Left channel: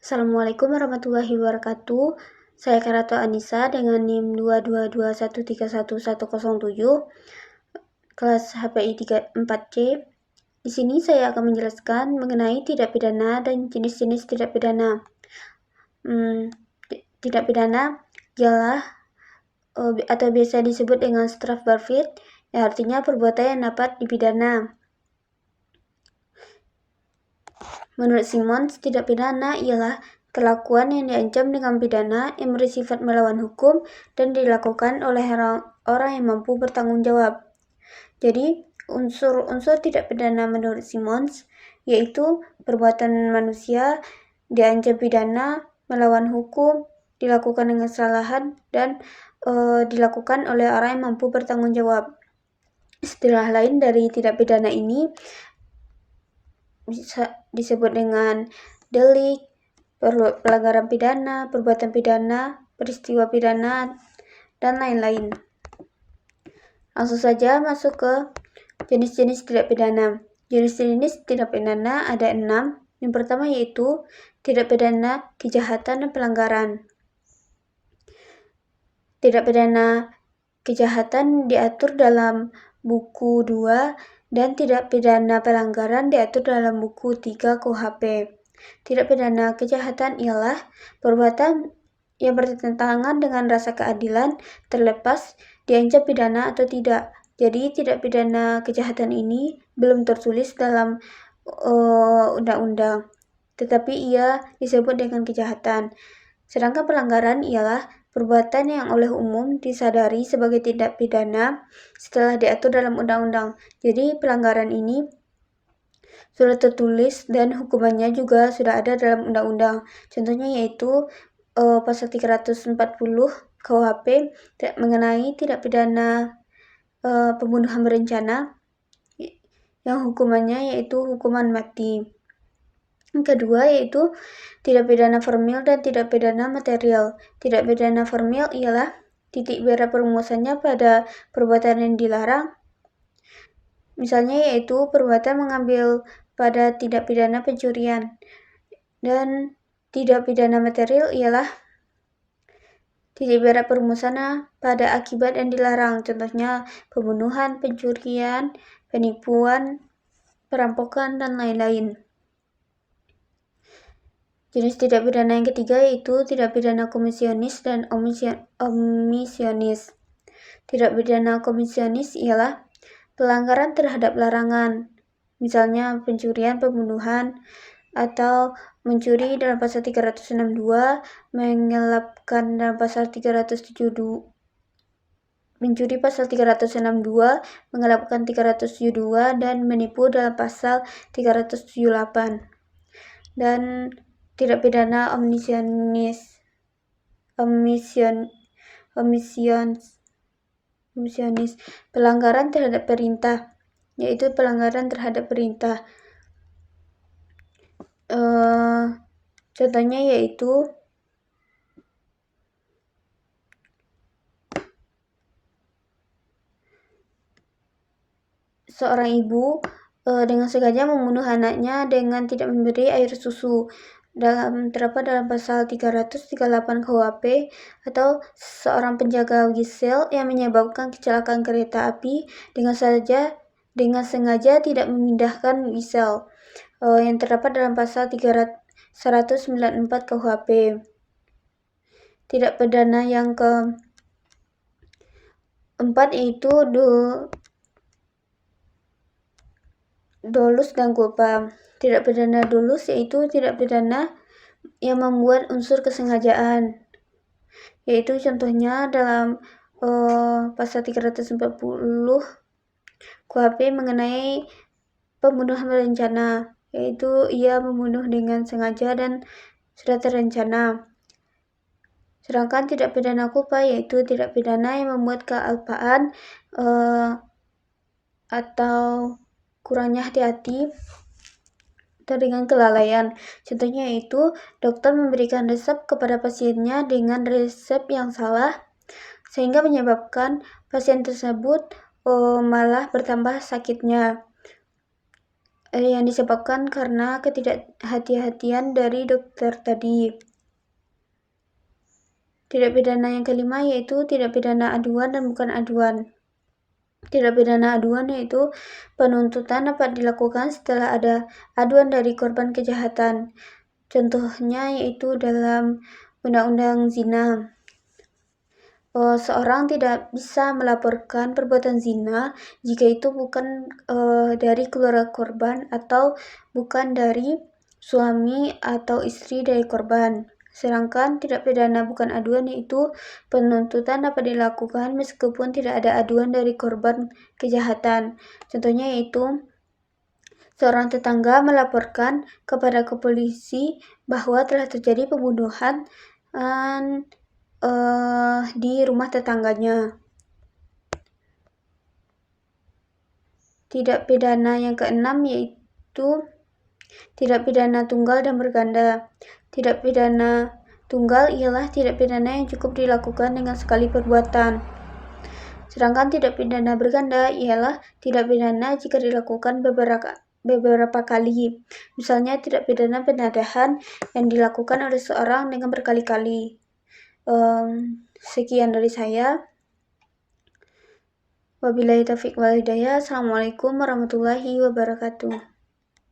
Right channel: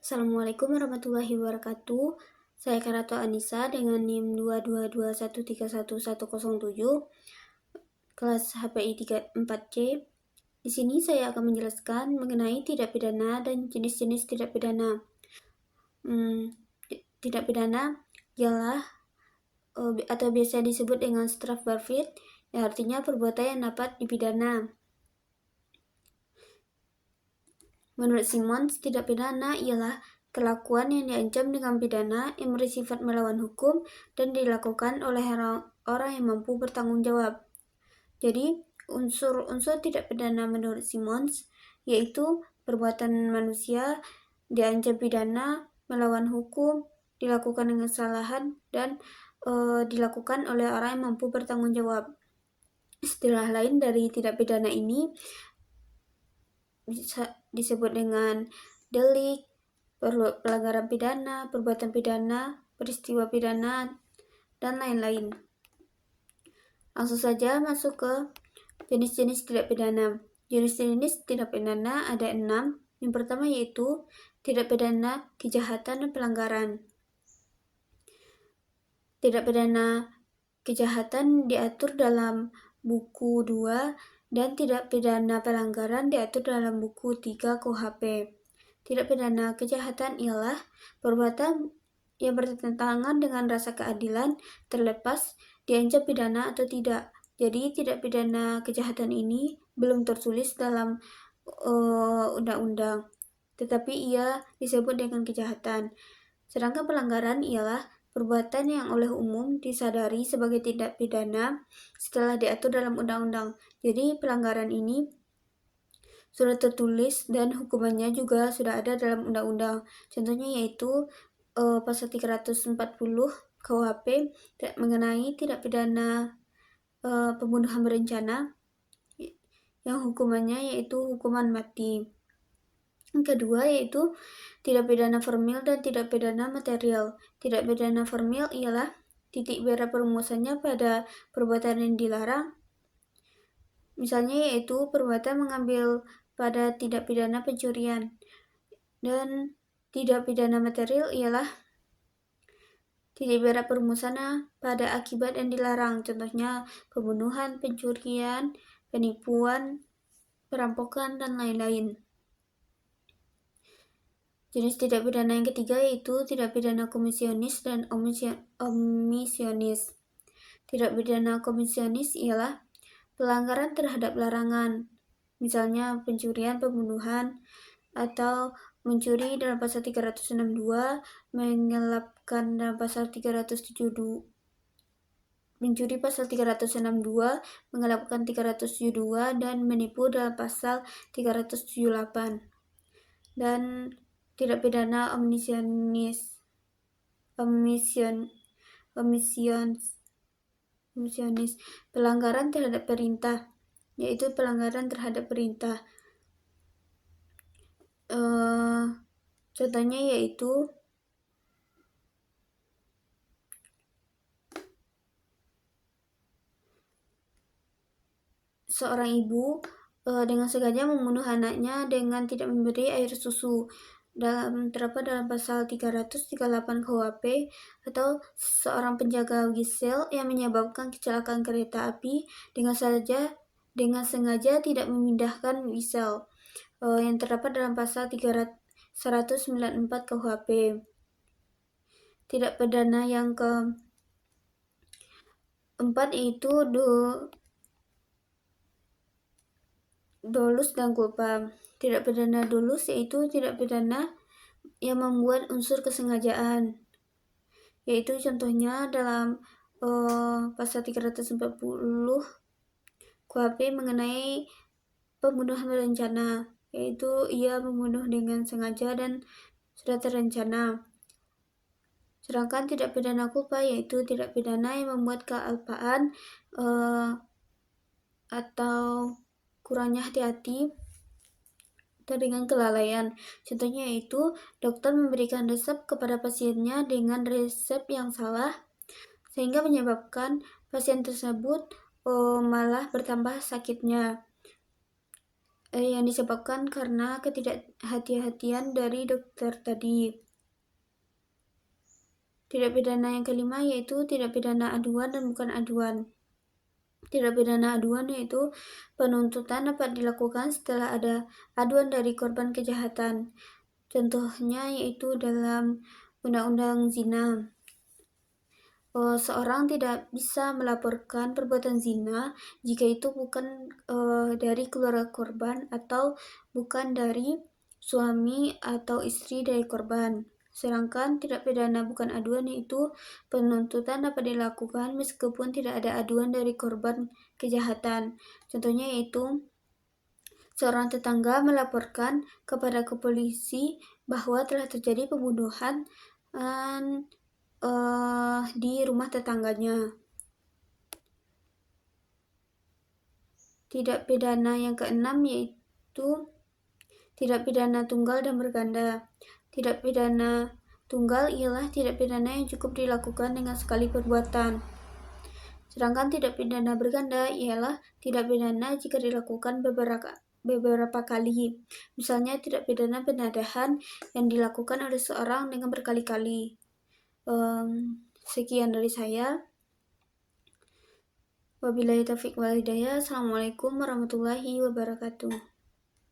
Assalamualaikum warahmatullahi wabarakatuh. Saya Karato Anissa dengan NIM 222131107, kelas HPI 34C. Di sini saya akan menjelaskan mengenai tindak pidana dan jenis-jenis tindak pidana. Tindak pidana ialah atau biasa disebut dengan strafbarvid, yang artinya perbuatan yang dapat dipidana. Menurut Simons, tindak pidana ialah kelakuan yang diancam dengan pidana yang bersifat melawan hukum dan dilakukan oleh orang yang mampu bertanggung jawab. Jadi, unsur-unsur tindak pidana menurut Simons yaitu perbuatan manusia diancam pidana, melawan hukum, dilakukan dengan kesalahan, dan dilakukan oleh orang yang mampu bertanggung jawab. Istilah lain dari tindak pidana ini bisa disebut dengan delik, pelanggaran pidana, perbuatan pidana, peristiwa pidana, dan lain-lain. Langsung saja masuk ke jenis-jenis tindak pidana. Jenis-jenis tindak pidana ada 6. Yang pertama yaitu tindak pidana kejahatan dan pelanggaran. Tindak pidana kejahatan diatur dalam buku 2 dan tindak pidana pelanggaran diatur dalam buku 3 KUHP. Tindak pidana kejahatan ialah perbuatan yang bertentangan dengan rasa keadilan terlepas diancam pidana atau tidak. Jadi tindak pidana kejahatan ini belum tertulis dalam undang-undang, tetapi ia disebut dengan kejahatan. Sedangkan pelanggaran ialah perbuatan yang oleh umum disadari sebagai tindak pidana setelah diatur dalam undang-undang. Jadi pelanggaran ini sudah tertulis dan hukumannya juga sudah ada dalam undang-undang. Contohnya yaitu pasal 340 KUHP mengenai tindak pidana pembunuhan berencana yang hukumannya yaitu hukuman mati. Yang kedua yaitu tindak pidana formil dan tindak pidana material. Tindak pidana formil ialah titik berat perumusannya pada perbuatan yang dilarang. Misalnya yaitu perbuatan mengambil pada tindak pidana pencurian. Dan tindak pidana material ialah titik berat perumusannya pada akibat yang dilarang. Contohnya pembunuhan, pencurian, penipuan, perampokan, dan lain-lain. Jenis tindak pidana yang ketiga yaitu tindak pidana komisionis dan omisionis. Tindak pidana komisionis ialah pelanggaran terhadap larangan, misalnya pencurian, pembunuhan, atau mencuri dalam pasal 362, mengelapkan dalam pasal 372, mencuri pasal 362, mengelapkan 372, dan menipu dalam pasal 378. Dan tindak pidana omisionis, pelanggaran terhadap perintah, yaitu pelanggaran terhadap perintah. Contohnya yaitu seorang ibu dengan sengaja membunuh anaknya dengan tidak memberi air susu, terdapat dalam pasal 338 KUHP, atau seorang penjaga gisel yang menyebabkan kecelakaan kereta api dengan sengaja tidak memindahkan gisel, yang terdapat dalam pasal 194 KUHP. Tindak pidana yang keempat yaitu dolus dan culpa. Tindak pidana dolus yaitu tindak pidana yang membuat unsur kesengajaan, yaitu contohnya dalam pasal 340 KUHP mengenai pembunuhan berencana, yaitu ia membunuh dengan sengaja dan sudah terencana. Sedangkan tindak pidana culpa yaitu tindak pidana yang membuat kealpaan atau kurangnya hati-hati atau dengan kelalaian. Contohnya yaitu dokter memberikan resep kepada pasiennya dengan resep yang salah, sehingga menyebabkan pasien tersebut malah bertambah sakitnya. yang disebabkan karena ketidakhati-hatian dari dokter tadi. Tindak pidana yang kelima yaitu tindak pidana aduan dan bukan aduan. Tindak pidana aduan yaitu penuntutan dapat dilakukan setelah ada aduan dari korban kejahatan. Contohnya yaitu dalam Undang-Undang Zina. Seorang tidak bisa melaporkan perbuatan zina jika itu bukan dari keluarga korban atau bukan dari suami atau istri dari korban. Sedangkan tindak pidana bukan aduan yaitu penuntutan dapat dilakukan meskipun tidak ada aduan dari korban kejahatan. Contohnya yaitu seorang tetangga melaporkan kepada polisi bahwa telah terjadi pembunuhan di rumah tetangganya. Tindak pidana yang keenam yaitu tindak pidana tunggal dan berganda. Tindak pidana tunggal ialah tindak pidana yang cukup dilakukan dengan sekali perbuatan. Sedangkan tindak pidana berganda ialah tindak pidana jika dilakukan beberapa kali. Misalnya tindak pidana penadahan yang dilakukan oleh seorang dengan berkali-kali. Sekian dari saya. Wabillahi taufiq wal hidayah. Assalamualaikum warahmatullahi wabarakatuh.